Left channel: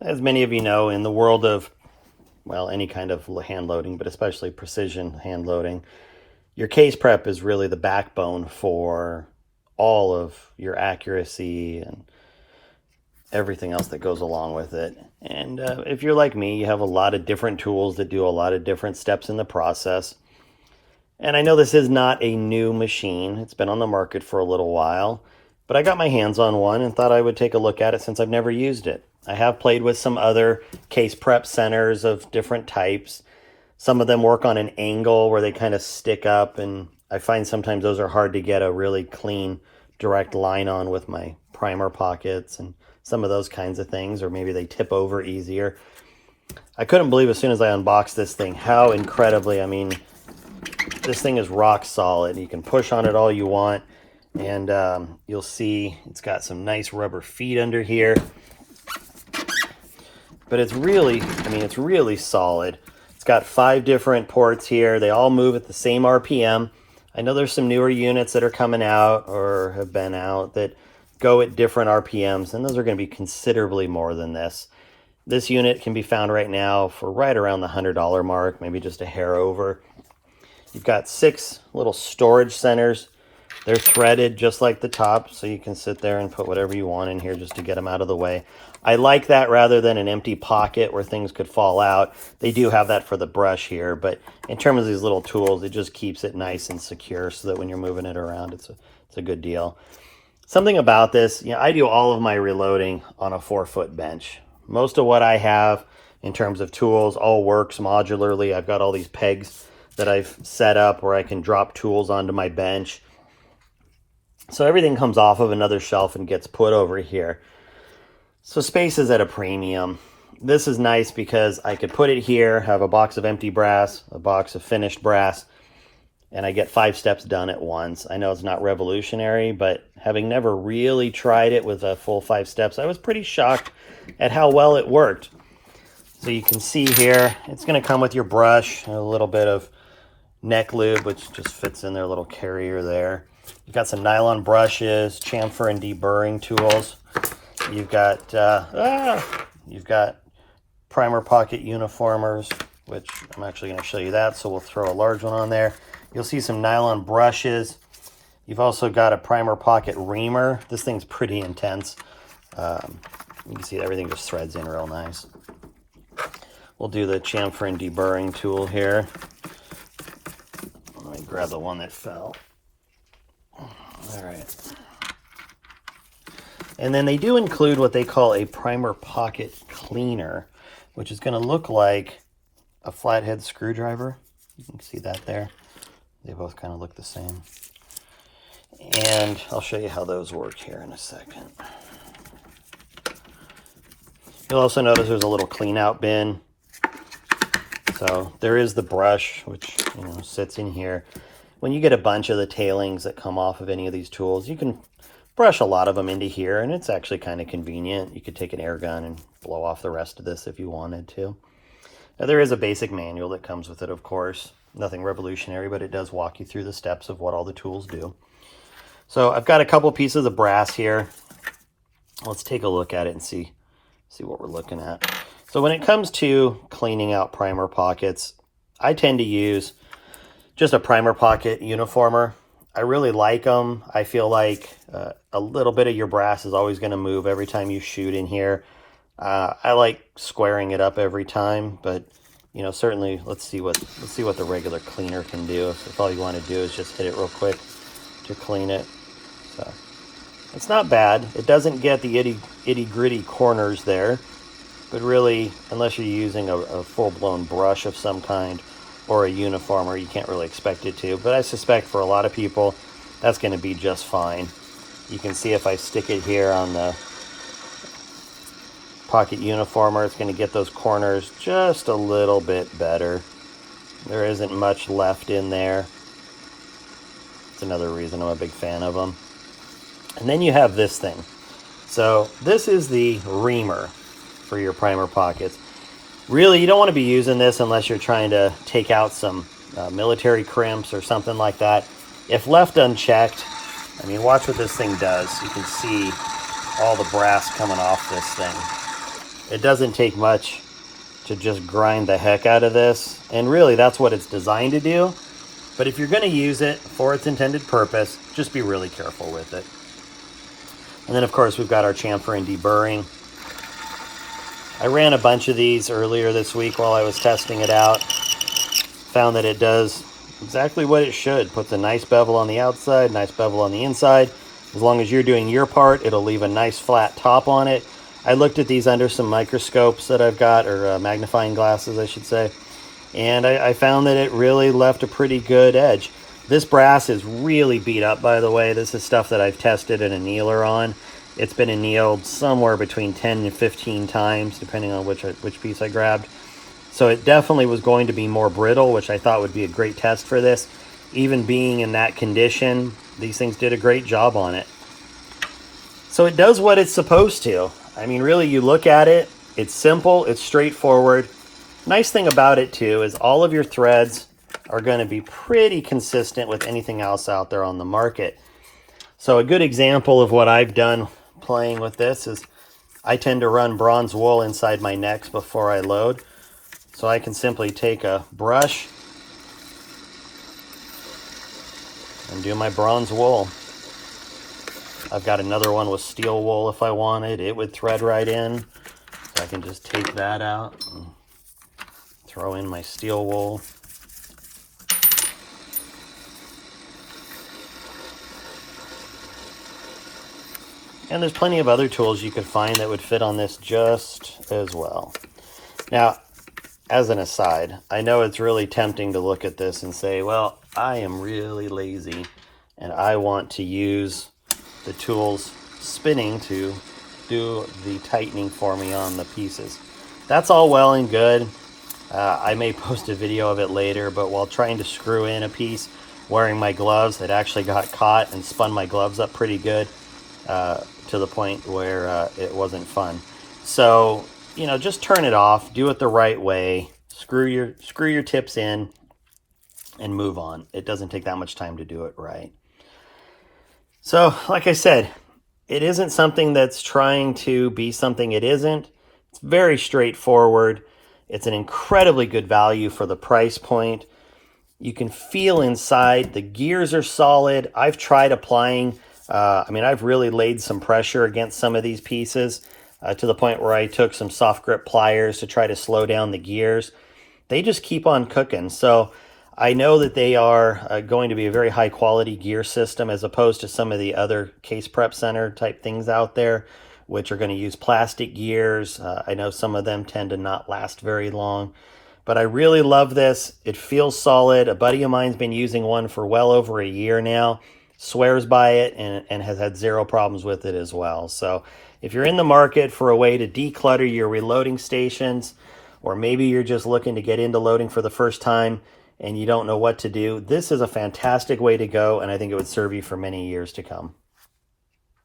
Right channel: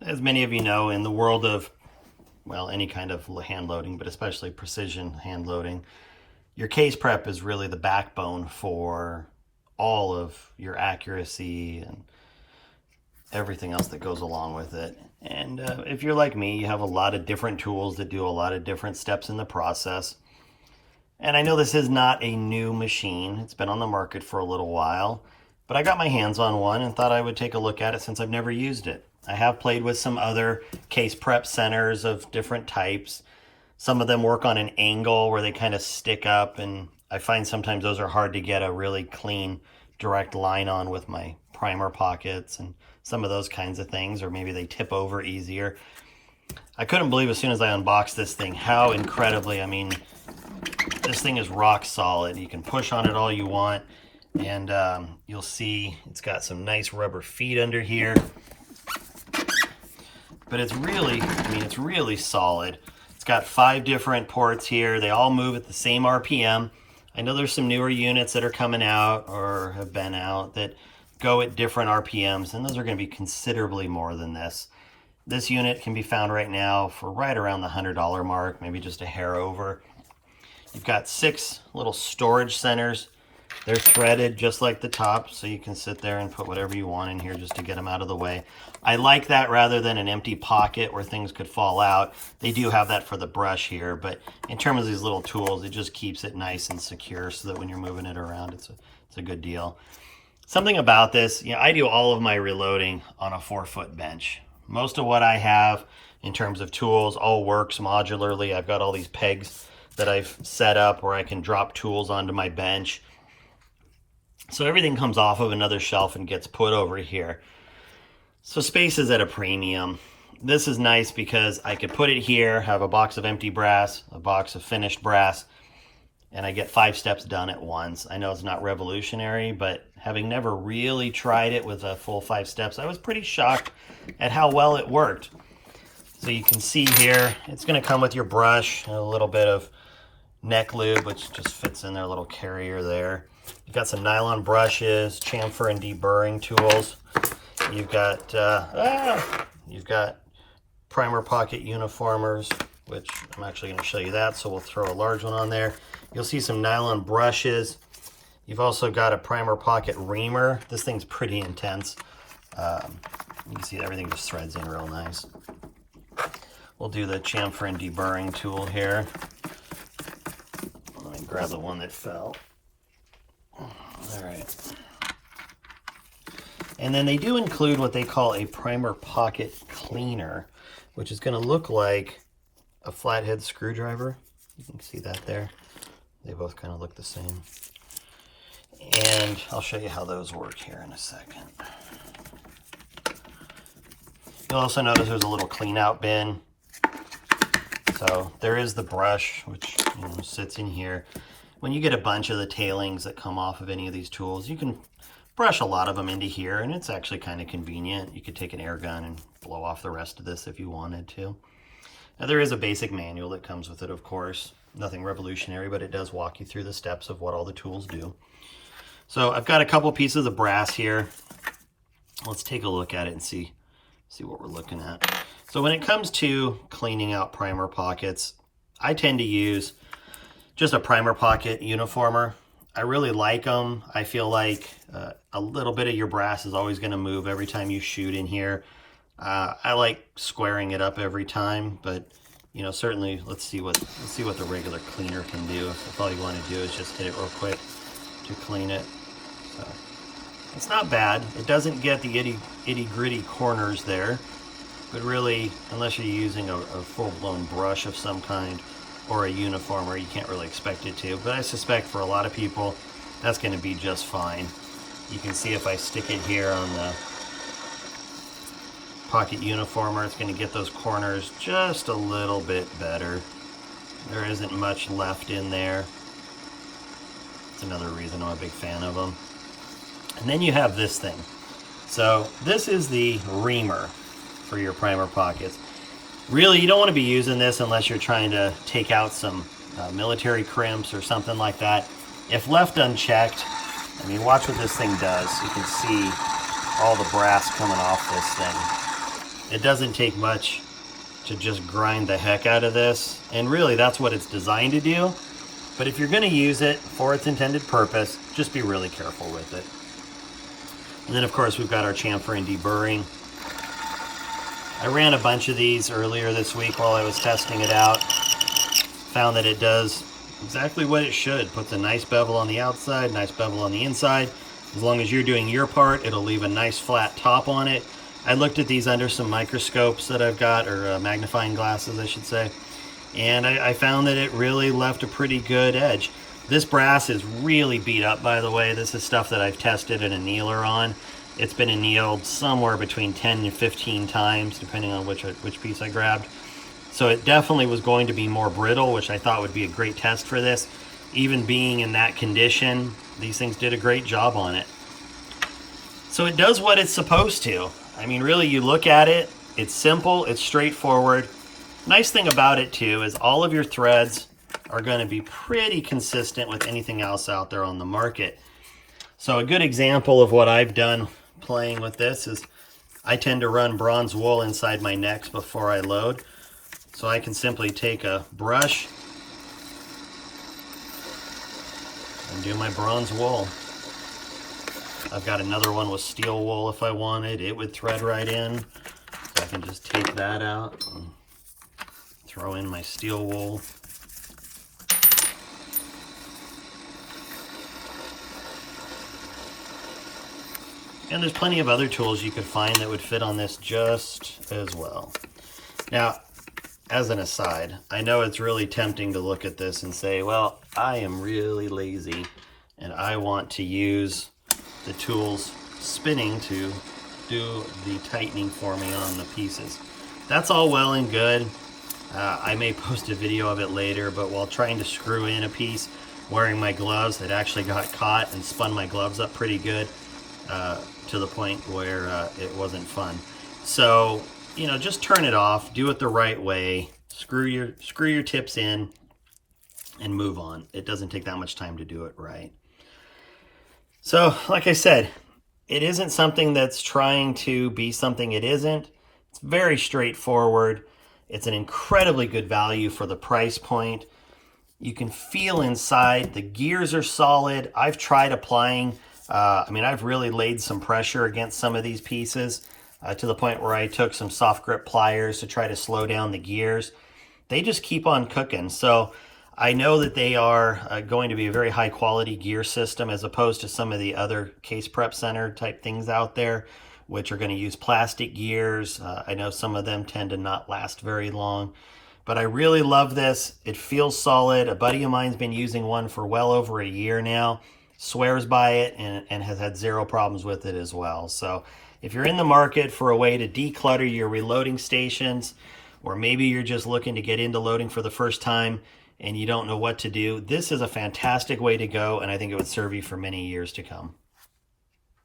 As many of you know, in the world of, well, any kind of hand loading, but especially precision hand loading, your case prep is really the backbone for all of your accuracy and everything else that goes along with it. And if you're like me, you have a lot of different tools that do a lot of different steps in the process. And I know this is not a new machine. It's been on the market for a little while, but I got my hands on one and thought I would take a look at it since I've never used it. I have played with some other case prep centers of different types. Some of them work on an angle where they kind of stick up, and I find sometimes those are hard to get a really clean, direct line on with my primer pockets and some of those kinds of things, or maybe they tip over easier. I couldn't believe as soon as I unboxed this thing how incredibly, I mean, this thing is rock solid. You can push on it all you want, and you'll see it's got some nice rubber feet under here. But it's really, I mean, it's really solid. It's got 5 different ports here. They all move at the same RPM. I know there's some newer units that are coming out or have been out that go at different RPMs, and those are going to be considerably more than this. This unit can be found right now for right around the $100 mark, maybe just a hair over. You've got 6 little storage centers. They're threaded just like the top, so you can sit there and put whatever you want in here just to get them out of the way. I like that rather than an empty pocket where things could fall out. They do have that for the brush here, but in terms of these little tools, it just keeps it nice and secure so that when you're moving it around, it's a good deal. Something about this, you know, I do all of my reloading on a 4-foot bench. Most of what I have in terms of tools all works modularly. I've got all these pegs that I've set up where I can drop tools onto my bench. So everything comes off of another shelf and gets put over here. So space is at a premium. This is nice because I could put it here, have a box of empty brass, a box of finished brass, and I get 5 steps done at once. I know it's not revolutionary, but having never really tried it with a full 5 steps, I was pretty shocked at how well it worked. So you can see here, it's going to come with your brush and a little bit of neck lube, which just fits in their little carrier there. You've got some nylon brushes, chamfer and deburring tools. You've got primer pocket uniformers, which I'm actually going to show you that, so we'll throw a large one on there. You'll see some nylon brushes. You've also got a primer pocket reamer. This thing's pretty intense. You can see everything just threads in real nice. We'll do the chamfer and deburring tool here. Let me grab the one that fell. All right. And then they do include what they call a primer pocket cleaner, which is going to look like a flathead screwdriver. You can see that there. They both kind of look the same. And I'll show you how those work here in a second. You'll also notice there's a little clean out bin. So there is the brush, which sits in here. When you get a bunch of the tailings that come off of any of these tools, you can brush a lot of them into here, and it's actually kind of convenient. You could take an air gun and blow off the rest of this if you wanted to. Now, there is a basic manual that comes with it, of course. Nothing revolutionary, but it does walk you through the steps of what all the tools do. So I've got a couple pieces of brass here. Let's take a look at it and see what we're looking at. So when it comes to cleaning out primer pockets, I tend to use just a primer pocket uniformer. I really like them. I feel like a little bit of your brass is always going to move every time you shoot in here. I like squaring it up every time, but you know, certainly let's see what the regular cleaner can do. If all you want to do is just hit it real quick to clean it. So it's not bad. It doesn't get the itty gritty corners there, but really, unless you're using a full-blown brush of some kind or a uniformer, you can't really expect it to. But I suspect for a lot of people, that's going to be just fine. You can see if I stick it here on the pocket uniformer, it's going to get those corners just a little bit better. There isn't much left in there. It's another reason I'm a big fan of them. And then you have this thing. So this is the reamer for your primer pockets. Really, you don't want to be using this unless you're trying to take out some military crimps or something like that. If left unchecked, I mean, watch what this thing does. You can see all the brass coming off this thing. It doesn't take much to just grind the heck out of this, and really that's what it's designed to do. But if you're going to use it for its intended purpose, just be really careful with it. And then of course we've got our chamfer and deburring. I ran a bunch of these earlier this week while I was testing it out. Found that it does exactly what it should. Puts a nice bevel on the outside, nice bevel on the inside. As long as you're doing your part, it'll leave a nice flat top on it. I looked at these under some microscopes that I've got, or magnifying glasses, I should say. And I found that it really left a pretty good edge. This brass is really beat up, by the way. This is stuff that I've tested an annealer on. It's been annealed somewhere between 10 and 15 times, depending on which piece I grabbed. So it definitely was going to be more brittle, which I thought would be a great test for this. Even being in that condition, these things did a great job on it. So it does what it's supposed to. I mean, really, you look at it, it's simple, it's straightforward. Nice thing about it, too, is all of your threads are going to be pretty consistent with anything else out there on the market. So a good example of what I've done playing with this is I tend to run bronze wool inside my necks before I load. So I can simply take a brush and do my bronze wool. I've got another one with steel wool if I wanted. It would thread right in. So I can just take that out and throw in my steel wool. And there's plenty of other tools you could find that would fit on this just as well. Now, as an aside, I know it's really tempting to look at this and say, well, I am really lazy and I want to use the tools spinning to do the tightening for me on the pieces. That's all well and good. I may post a video of it later, but while trying to screw in a piece wearing my gloves, it actually got caught and spun my gloves up pretty good to the point where it wasn't fun. So, you know, just turn it off, do it the right way, screw your tips in and move on. It doesn't take that much time to do it right. So, like I said, it isn't something that's trying to be something it isn't. It's very straightforward. It's an incredibly good value for the price point. You can feel inside. The gears are solid. I've tried applying, I've really laid some pressure against some of these pieces to the point where I took some soft grip pliers to try to slow down the gears. They just keep on cooking. So I know that they are going to be a very high quality gear system as opposed to some of the other case prep center type things out there, which are going to use plastic gears. I know some of them tend to not last very long, but I really love this. It feels solid. A buddy of mine's been using one for well over a year now, swears by it, and has had zero problems with it as well. So if you're in the market for a way to declutter your reloading stations, or maybe you're just looking to get into loading for the first time and you don't know what to do, this is a fantastic way to go, and I think it would serve you for many years to come.